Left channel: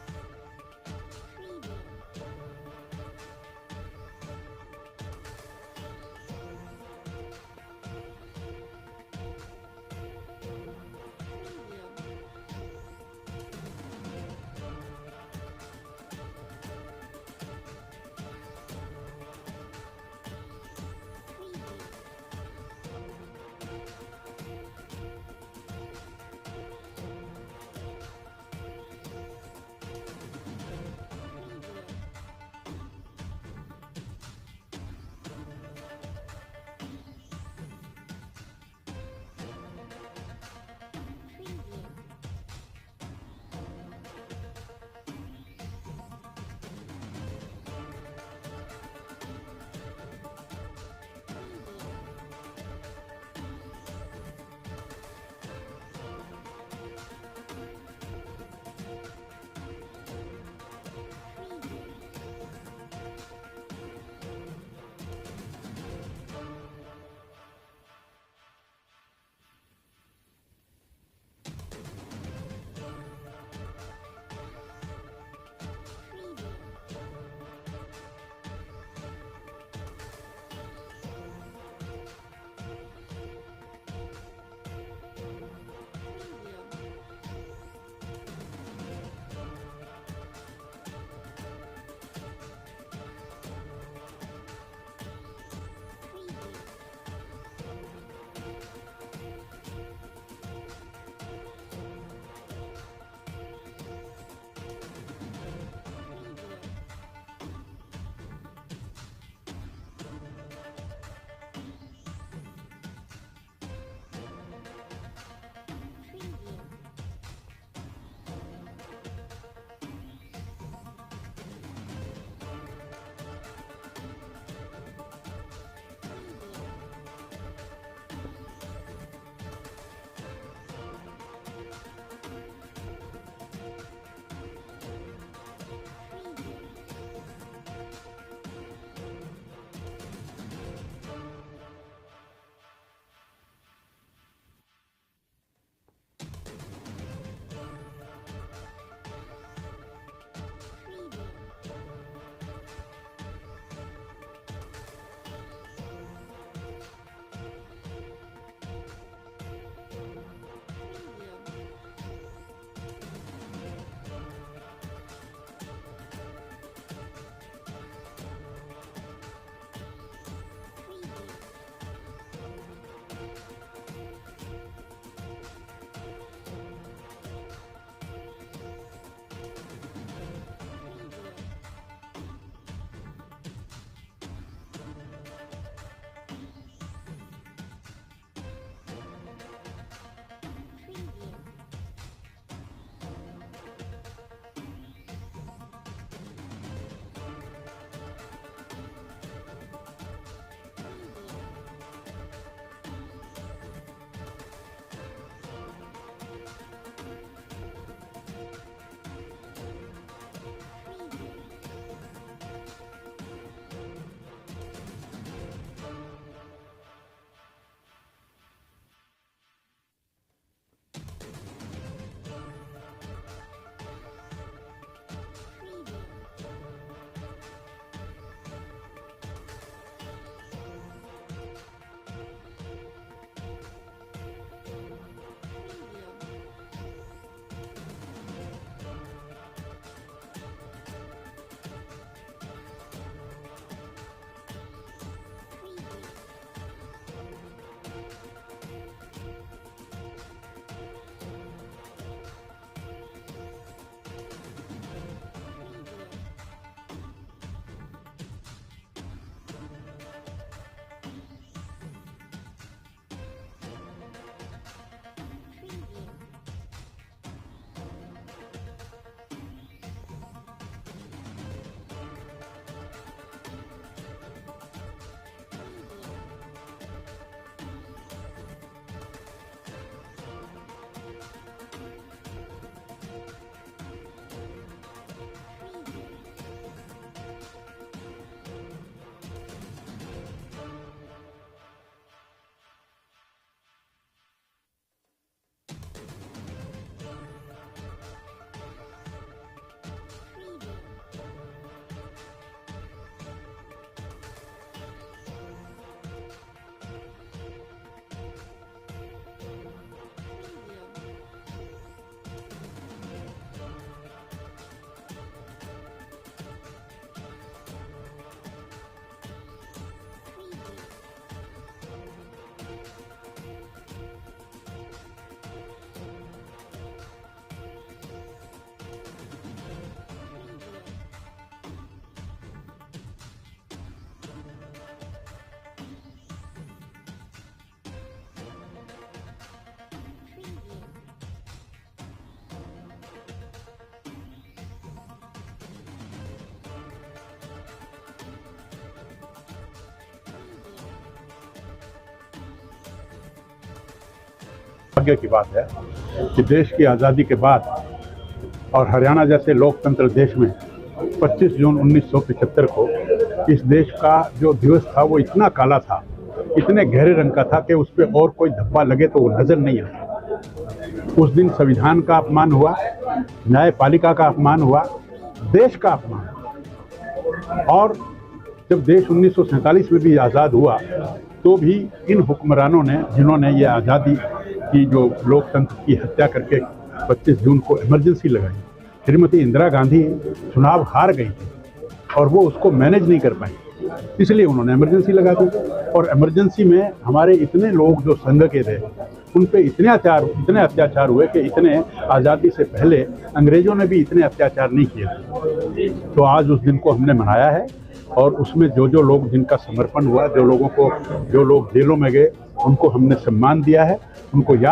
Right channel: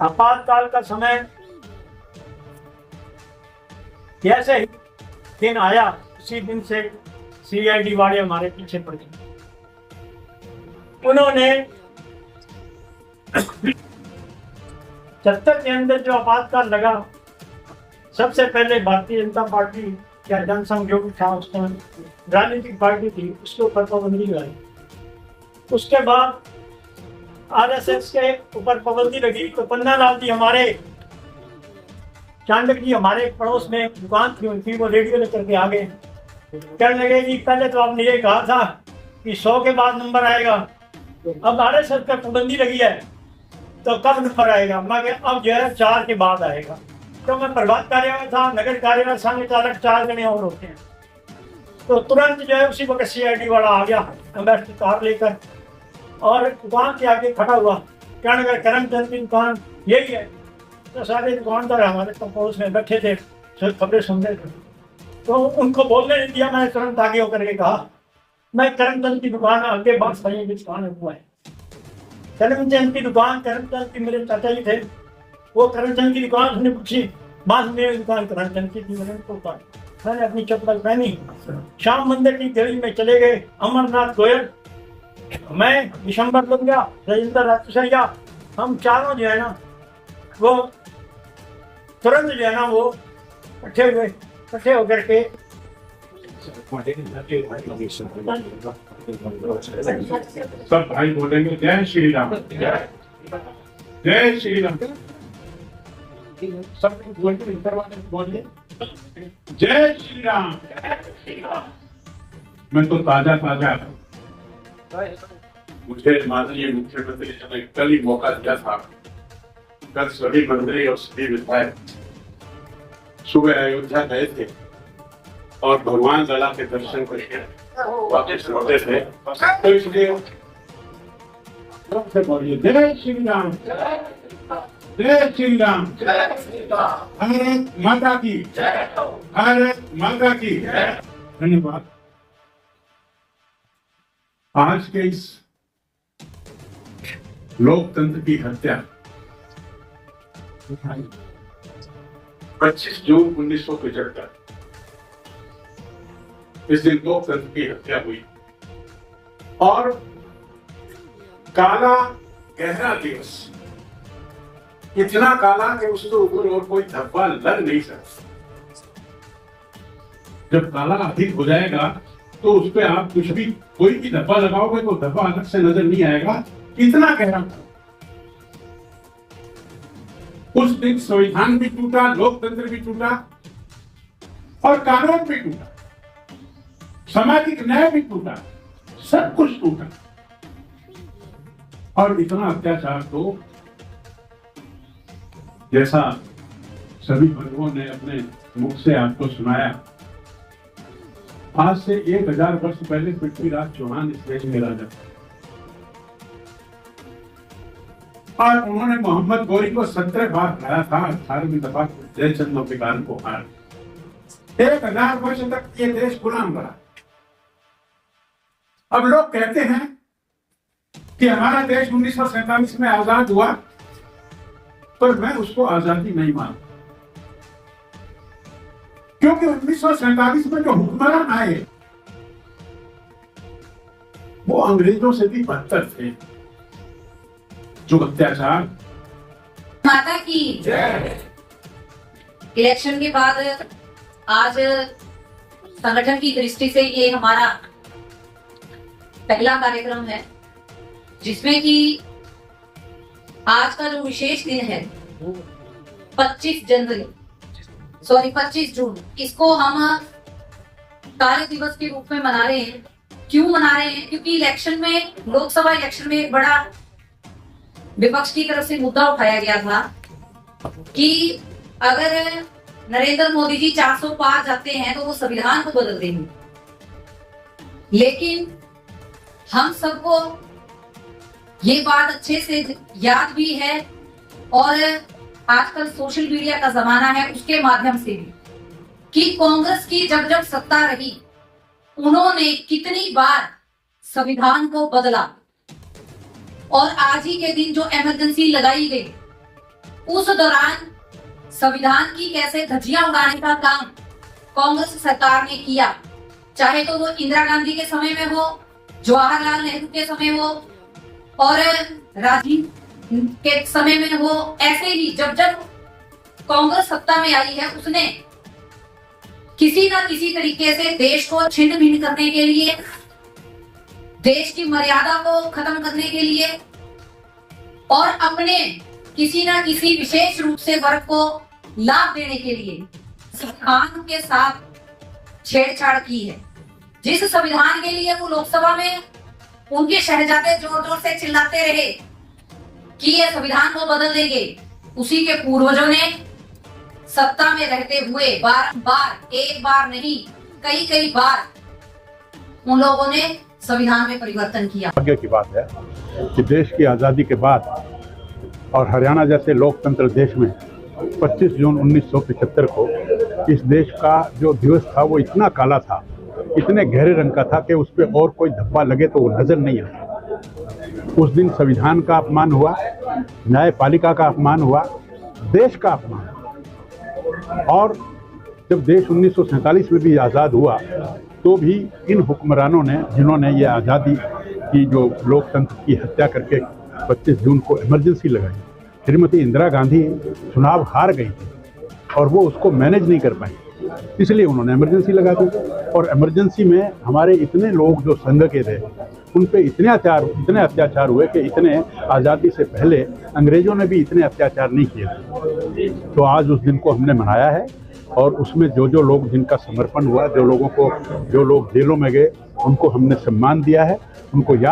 आपातकाल का समय जैसे ही दिन आया उसी दिन से सीआईडी वाले हमारे पीछे पड़ गए। उन्होंने सत्तर के अंदर जो आपातकाल लगा, सबसे पहले भारतीय जनता पार्टी या जनसंघ जो भी था उसमें राजनीतिक पार्टी थी, उसके ऊपर पाबंदी लगाई। उसके बाद आरएसएस के ऊपर पाबंदी लगी तो पन्नालाल जी हमारे चांडक जी हमारे पड़ोस में दुकान थी उनकी, वो रेडियो लेकर के आ गए। कहने लगे जी पहले तो आपने ये कहा था कि 100 के बाद नंबर आएगा, अब आरएसएस पर पाबंदी लगी है तो कब नंबर आएगा? मैं अब जो है 4 के बाद आएगा। तो मैं प्रभात कार्यालय था, नगर कार्यालय संघ चालक 4 जने और होते हैं। तो तुरंत जो है उसी वक्त सीआईडी वाला आ गया एम्बेसडर कार लेकर और दुकान के आगे खड़ा हुआ। क्या नगर करमचंद की दुकान यही है। तो सारे दुकानदार हमारे कंपोज में बैठे थे, खबरें सुन रहे थे। तो उनको बोलने नहीं दिया, मैंने तुरंत आगे होकर के कहा मैं करमचंद की दुकान आगे बांस भाई की दुकान हुआ है। करमचंद की दुकान, करमचंद की मेरे चाचा जी थे, वो करमचंद की दुकान उसने पूछी, बांस मेरी दुकान करमचंद की थी। मैंने अपनी चप्पल पहनी, श्याम मंदिर की गली में चले गए। अमरनाथ गोयल, मैं दिसंबर बन गया, राजेंद्र राजसैया, हम चारों जो है ना वो तुरंत जो है ना वो इकट्ठे होकर के सब भाई बोलेंगे जय श्री राम, जय श्री राम। सब बोलिए जय श्री राम। मैं तो ताजा मुझे माननीय मुख्यमंत्री जी ने कल ही मौका दिया था। कल सभी मंत्री और सभी विधायक सुबह अयोध्या गए थे और भगवान लला के दर्शन करके वापस लौटे थे। तो इसलिए बोलिए जय श्री राम, जय श्री राम। भारत माता की, भारत माता की धन्यवाद। आज के इस लोकतंत्र की हत्या 25 जून 1975 इस दिन लोकतंत्र की हत्या हुई और काला गहरा दिवस, इतना काला कि उसके ऊपर और कोई धब्बा लग नहीं सकता। जब काला अधिक हो जाएगा तो उस पर आप कुछ भी कोई भी धब्बा लगाओगे तो धब्बा अलग से नजर नहीं आएगा, इतना गहरा। उस दिन संविधान भी टूटा, लोकतंत्र भी टूटा और कानून भी टूटा, सामाजिक न्याय भी टूटा, सब कुछ टूटा। और इतना अत्याचार तो जैसा सभी बंधुओं ने अपने मुख से आपको सुनाया, आज से 1000 वर्ष पहले पृथ्वीराज चौहान इस देश में राजा और उन्होंने मोहम्मद गोरी को 17 बार हराया था, 18वीं दफा जयचंद नौफिकार को हराया। 1000 वर्ष तक ये देश गुलाम रहा। अब लोग कहते हैं कि हमारा देश 1947 में आजाद हुआ, पर मैं उसको आजादी नहीं मानता, क्योंकि 1947 में जो हुक्मरान आए वो अंग्रेजों से भी बदतर थे। जो अत्याचार। माता की इलेक्शन के बाद आज संगठन की दृष्टि से ये हमारा पहला कार्यक्रम है, जिसमें कि आज का जो विशेष दिन है 25 जून, इसको हम कार्य दिवस के रूप में मना रहे हैं। क्यों मना रहे हैं? क्योंकि इलेक्शन में, लोकसभा इलेक्शन में एक बड़ा विपक्ष की तरफ से मुद्दा उठाया गया था कि अगर नरेंद्र मोदी जी 400 पार जाते हैं तो वो संविधान को बदल देंगे। लेकिन हम सबको ये बात अच्छे से याद भी है और आजकल सोशल मीडिया का जमाना है, उसके माध्यम से भी, कि कांग्रेस की जब जब सत्ता रही उन्होंने कितनी बार संविधान को बदला। और आज ही के दिन जो इमरजेंसी लगाई गई, उस दौरान संविधान की कैसे धज्जियां उड़ाने का काम कांग्रेस सरकार ने किया, चाहे तो वो इंदिरा गांधी के समय में हो, जवाहरलाल नेहरू के समय हो और राजीव के समय में हो। ऐसे ही जब जब कांग्रेस सत्ता में आई है, उसने किसी न किसी तरीके से देश को छिन्न भिन्न करने के लिए, देश की मर्यादा को खत्म करने के लिए और अपने किसी न किसी विशेष रूप से वर्ग को लाभ देने के लिए संविधान के साथ छेड़छाड़ की है। जिस संविधान के लिए वो लोकसभा में उनके शहजादे जोर जोर से चिल्लाते रहे कि ये संविधान को बदल देंगे, उसी के पूर्वजों ने सत्ता में रहते हुए बार एक बार नहीं कई बार उन लोगों ने संविधान में परिवर्तन किया। भाग्य की बात है कि देश की आज़ादी के बाद और हरियाणा जैसे लोकतंत्र देश में 25 जून 1975 को इस देश का जो दिवस था वो इतना काला था, इतने गहरे रंग का था कि उस पर और कोई धब्बा लगे तो वो नजर नहीं आता। उस दिन संविधान का अपमान हुआ, न्यायपालिका का अपमान हुआ, देश का अपमान। और जब देश 1947 में भी आज़ाद हुआ तो भी इन हुक्मरानों ने, जिन्होंने ये आज़ादी की जो लोकतंत्र की हत्या करके 25 जून को इमरजेंसी लगाई, श्रीमती इंदिरा गांधी चुनाव हार गई थी और वो उसको मैनेज नहीं कर पाई, इसलिए उन्होंने इमरजेंसी लगा दी। और इमरजेंसी में हमारे इतने लोग जो संघ के थे उन पे इतने अत्याचार हुए कि इतने आज़ादी से पहले अंग्रेजों ने भी इतने अत्याचार नहीं किए थे। तो आज उस दिन को हमने मनाया है और उसमें जो लोग, जिनका समर्पण हुआ, जो लोग जेलों में गए, उनको हमने सम्मान दिया है, उनको याद